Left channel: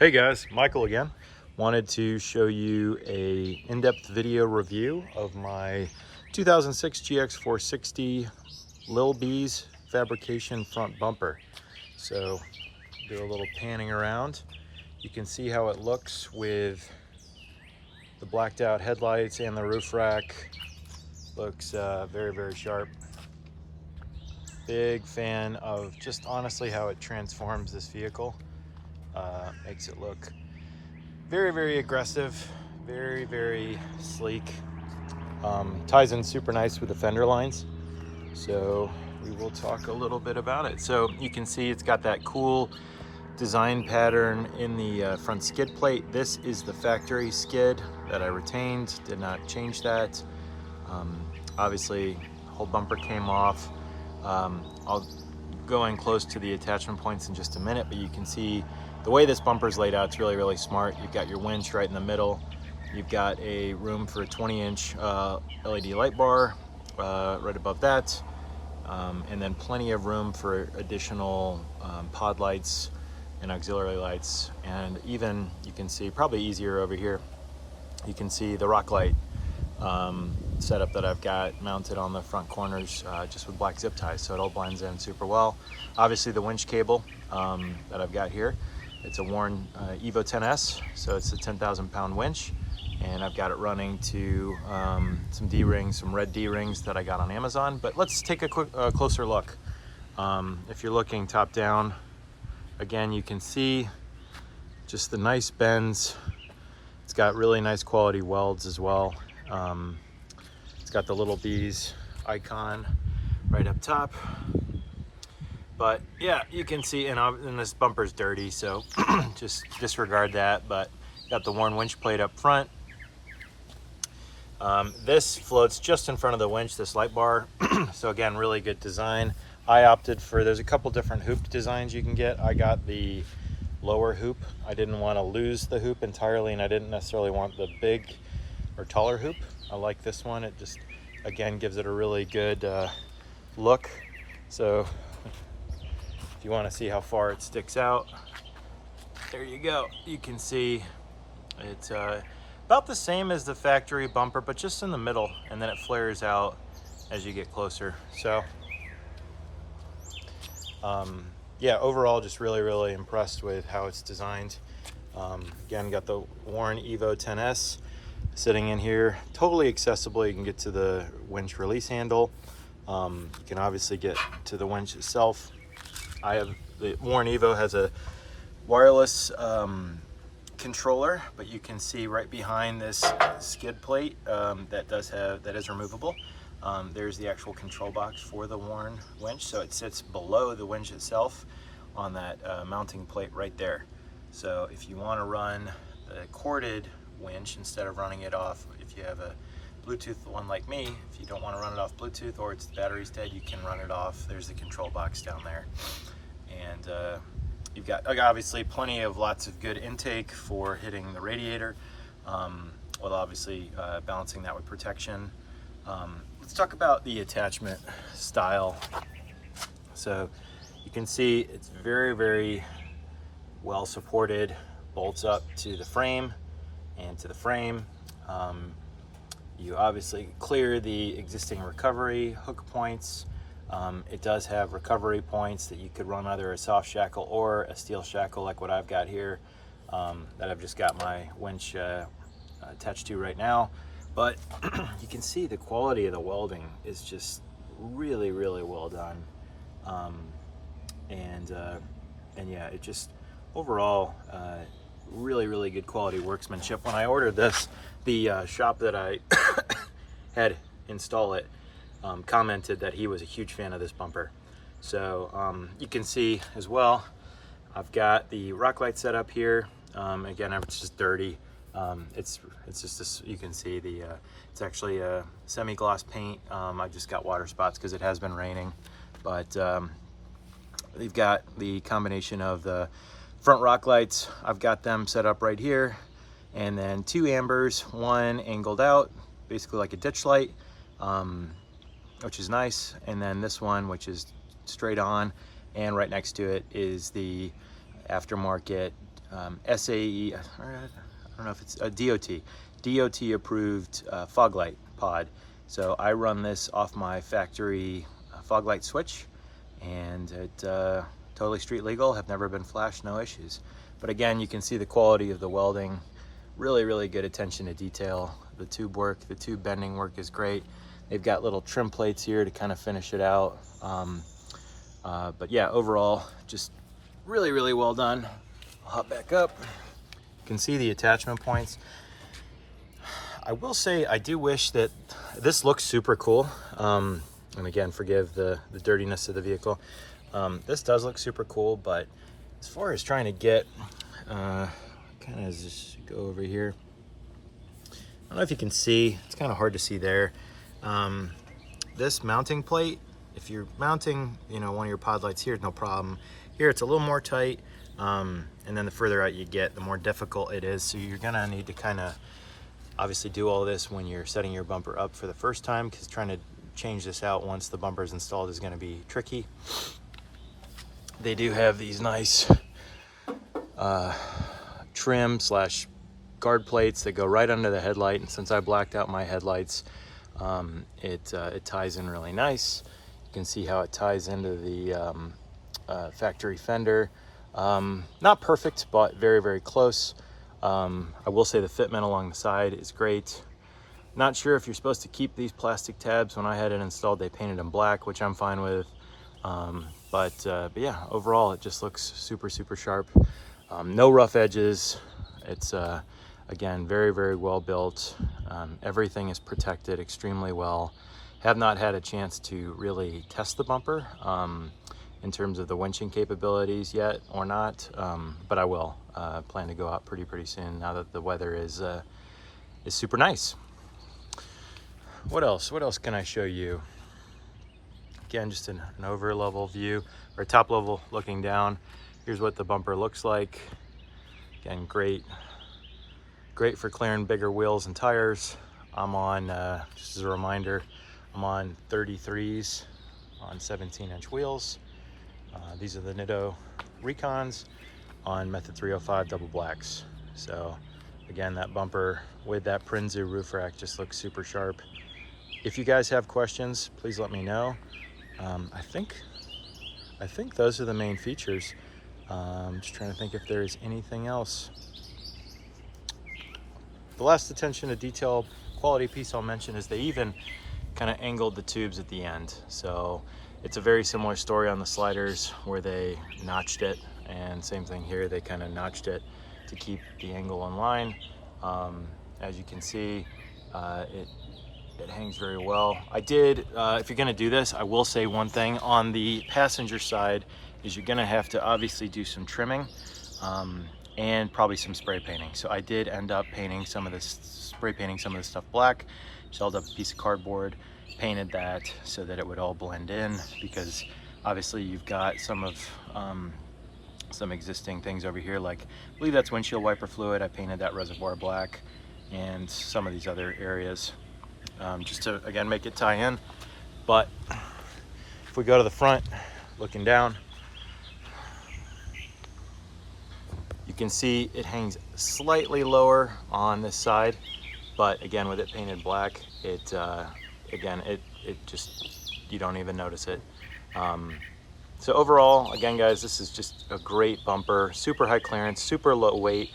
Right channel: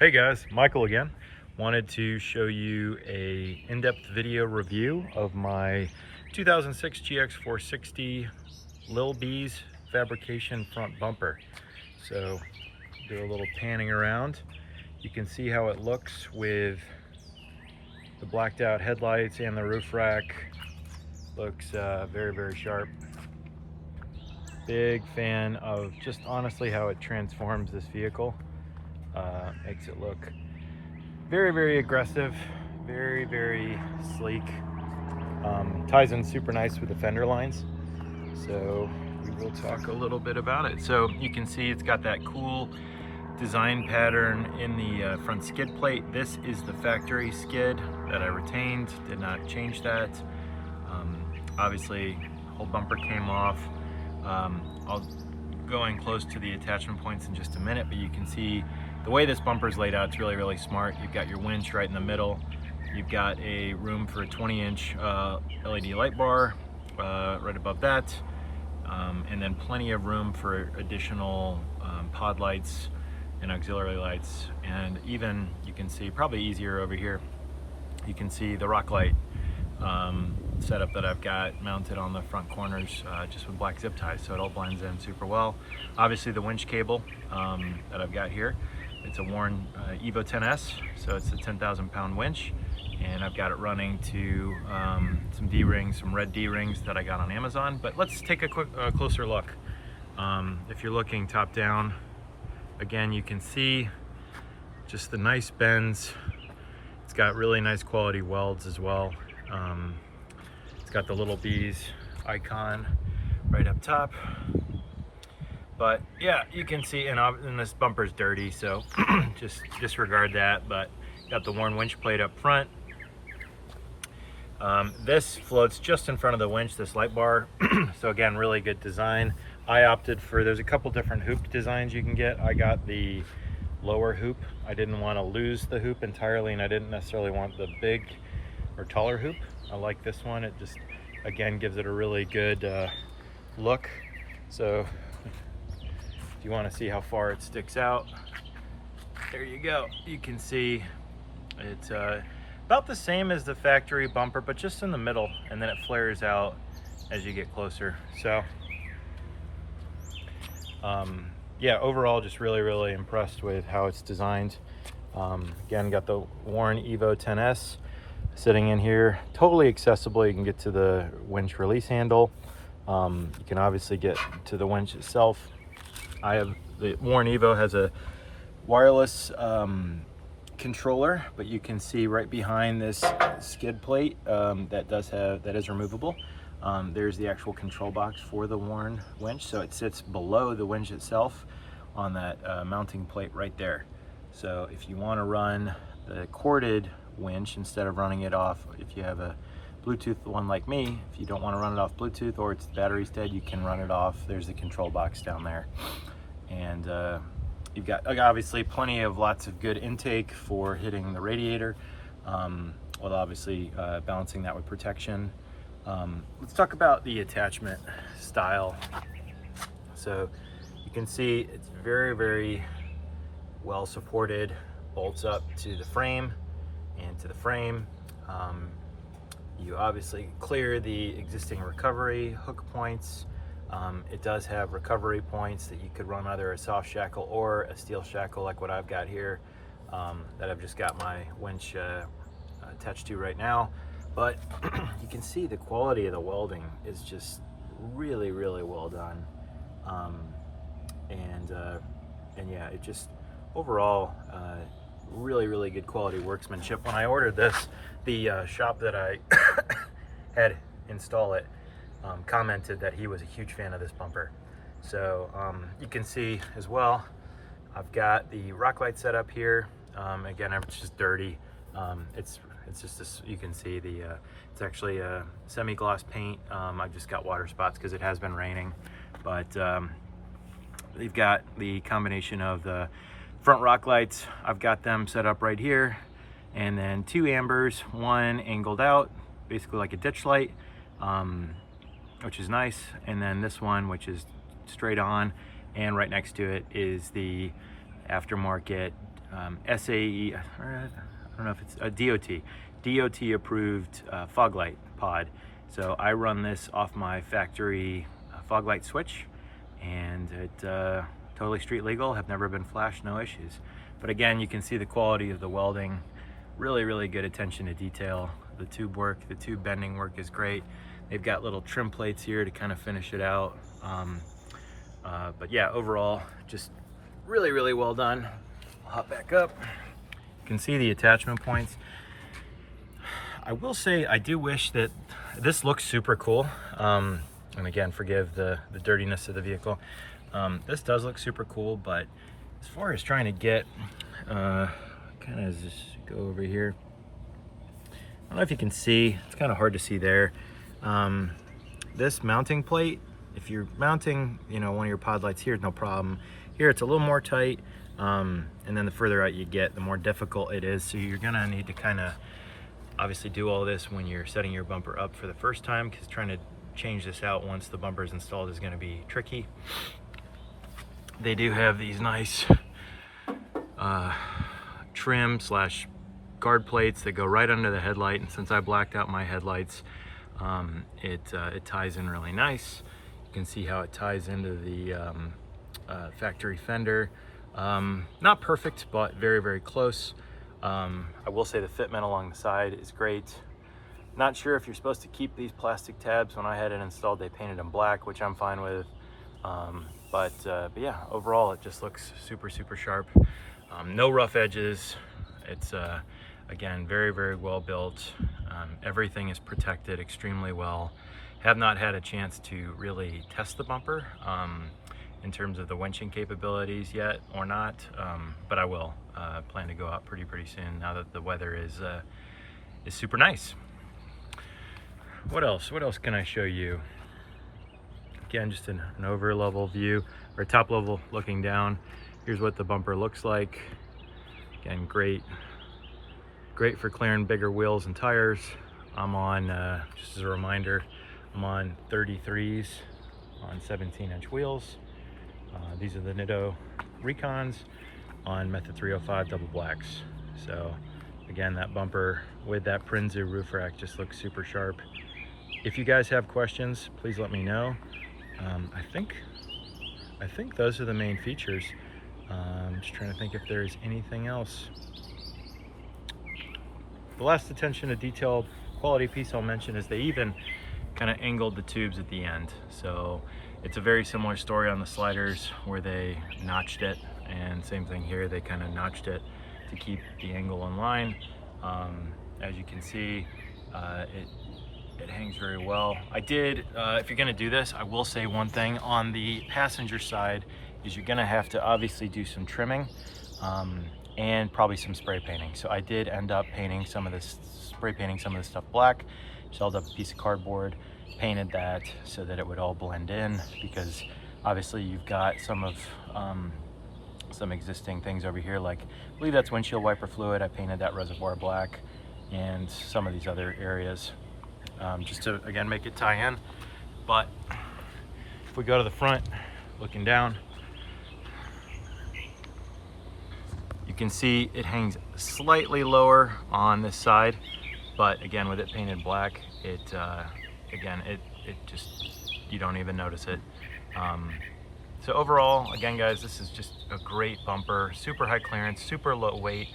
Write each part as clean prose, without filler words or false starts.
Hey guys, Michael again. Wanted to show you a in-depth video review of my 2006 GX470 Lil B's fabrication front bumper. So do a little panning around. You can see how it looks with the blacked out headlights and the roof rack. Looks very, very sharp. Big fan of just honestly how it transforms this vehicle. Makes it look very, very aggressive, very, very sleek. Ties in super nice with the fender lines. So we will talk a little bit about it. So you can see it's got that cool design pattern in the front skid plate. This is the factory skid that I retained, did not change that. Obviously, whole bumper came off. I'll go in close to the attachment points in just a minute, but you can see the way this bumper is laid out, it's really, really smart. You've got your winch right in the middle. You've got a room for a 20-inch LED light bar right above that. And then plenty of room for additional pod lights and auxiliary lights. And even, you can see, probably easier over here, you can see the rock light setup that I've got mounted on the front corners just with black zip ties, so it all blends in super well. Obviously the winch cable that I've got here, it's a Warn Evo 10S, so it's a 10,000 pound winch, and I've got it running to some D-rings, some red D-rings that I got on Amazon. But let's take a closer look. If you're looking top down, again, you can see just the nice bends. It's got really nice quality welds as well. It's got the Little B's icon right up top. But yeah, you can see, and this bumper's dirty, so just disregard that. But got the Warn winch plate up front. This floats just in front of the winch, this light bar. So again, really good design. I opted for, there's a couple different hoop designs you can get. I got the lower hoop. I didn't want to lose the hoop entirely, and I didn't necessarily want the big or taller hoop. I like this one. It just, again, gives it a really good look. So if you want to see how far it sticks out, there you go. You can see it's about the same as the factory bumper, but just in the middle, and then it flares out as you get closer. So yeah, overall just really, really impressed with how it's designed. Again, got the Warn Evo 10S sitting in here, totally accessible. You can get to the winch release handle. You can obviously get to the winch itself. I have the Warn Evo has a wireless controller, but you can see right behind this skid plate that is removable. There's the actual control box for the Warn winch, so it sits below the winch itself on that mounting plate right there. So if you want to run the corded winch instead of running it off, if you have a Bluetooth one like me, if you don't want to run it off Bluetooth or it's batteries dead, you can run it off. There's the control box down there, and you've got obviously lots of good intake for hitting the radiator, while obviously balancing that with protection. Let's talk about the attachment style. So you can see it's very, very well supported, bolts up to the frame and to the frame. You obviously clear the existing recovery hook points. It does have recovery points that you could run either a soft shackle or a steel shackle like what I've got here, that I've just got my winch attached to right now. But you can see the quality of the welding is just really, really well done. And yeah, it just overall really, really good quality workmanship. When I ordered this, the shop that I had install it commented that he was a huge fan of this bumper. So you can see as well, I've got the rock light set up here. Again, it's just dirty. It's just this, you can see it's actually a semi-gloss paint. I just got water spots because it has been raining, but they've got the combination of the front rock lights. I've got them set up right here, and then two ambers, one angled out, basically like a ditch light, which is nice, and then this one, which is straight on, and right next to it is the aftermarket SAE, I don't know if it's a DOT approved fog light pod. So I run this off my factory fog light switch, and it totally street legal, have never been flashed, no issues. But again, you can see the quality of the welding, really good attention to detail. The tube work, the tube bending work is great. They've got little trim plates here to kind of finish it out. But yeah, overall, just really well done. I'll hop back up. You can see the attachment points. I will say, I do wish that this looks super cool. And again, forgive the dirtiness of the vehicle. This does look super cool, but as far as trying to get, kind of just go over here. I don't know if you can see, it's kind of hard to see there. This mounting plate, if you're mounting, one of your pod lights here, no problem. Here it's a little more tight, and then the further out you get, the more difficult it is. So you're gonna need to kind of obviously do all this when you're setting your bumper up for the first time, because trying to change this out once the bumper is installed is gonna be tricky. They do have these nice trim / guard plates that go right under the headlight, and since I blacked out my headlights, it ties in really nice. You can see how it ties into the factory fender. Not perfect, but very close. I will say the fitment along the side is great. Not sure if you're supposed to keep these plastic tabs. When I had it installed, they painted them black, which I'm fine with. But yeah, overall it just looks super sharp. No rough edges. It's again very well built. Everything is protected extremely well. Have not had a chance to really test the bumper in terms of the winching capabilities yet, or not, but I will. Plan to go out pretty soon now that the weather is super nice. What else can I show you? Again, just an over level view, or top level looking down. Here's what the bumper looks like. Again, great for clearing bigger wheels and tires. I'm on, just as a reminder, I'm on 33s on 17-inch wheels. These are the Nitto Recons on Method 305 double blacks. So again, that bumper with that Prinzu roof rack just looks super sharp. If you guys have questions, please let me know. I think those are the main features. I'm just trying to think if there's anything else. The last attention to detail quality piece I'll mention is they even kind of angled the tubes at the end. So it's a very similar story on the sliders where they notched it, and same thing here, they kind of notched it to keep the angle in line. As you can see, it hangs very well. I did, if you're gonna do this, I will say one thing on the passenger side is you're gonna have to obviously do some trimming and probably some spray painting. So I did end up painting some of this, spray painting some of this stuff black, shelled up a piece of cardboard, painted that so that it would all blend in, because obviously you've got some existing things over here, like I believe that's windshield wiper fluid. I painted that reservoir black, and some of these other areas, just to again make it tie in. But if we go to the front, looking down, you can see it hangs slightly lower on this side, but again, with it painted black, it just, you don't even notice it. So overall, again guys, this is just a great bumper, super high clearance, super low weight.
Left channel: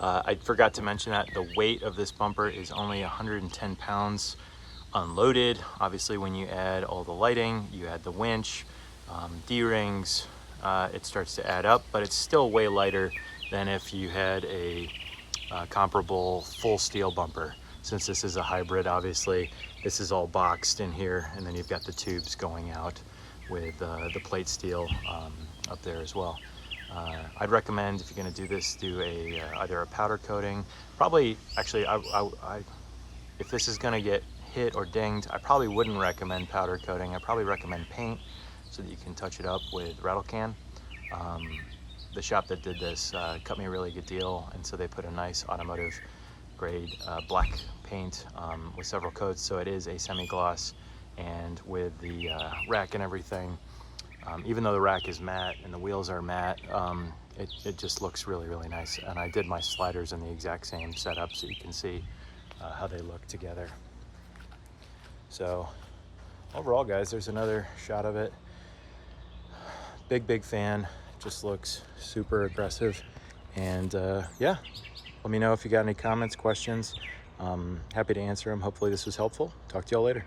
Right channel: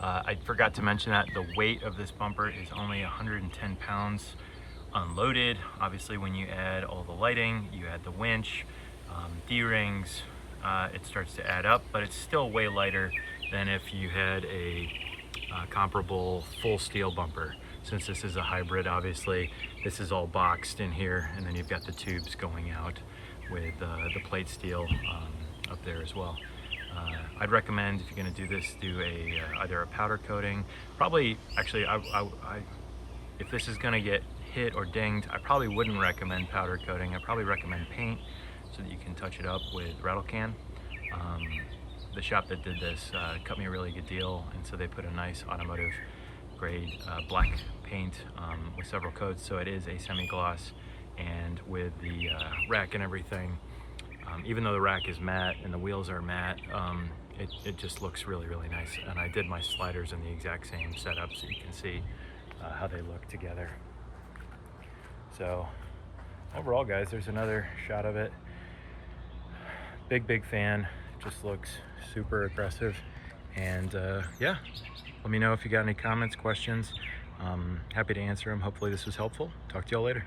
I forgot to mention that the weight of this bumper is only 110 pounds unloaded. Obviously when you add all the lighting, you add the winch, D-rings, it starts to add up, but it's still way lighter than if you had a comparable full steel bumper. Since this is a hybrid, obviously, this is all boxed in here, and then you've got the tubes going out with the plate steel up there as well. I'd recommend, if you're gonna do this, do either a powder coating. Probably, actually, if this is gonna get hit or dinged, I probably wouldn't recommend powder coating. I probably recommend paint so that you can touch it up with rattle can. The shop that did this cut me a really good deal, and so they put a nice automotive grade black paint with several coats, so it is a semi-gloss. And with the rack and everything, even though the rack is matte and the wheels are matte, it just looks really, really nice. And I did my sliders in the exact same setup so you can see how they look together. So overall, guys, there's another shot of it. Big fan. Just looks super aggressive. And yeah, let me know if you got any comments, questions. Happy to answer them. Hopefully this was helpful. Talk to y'all later.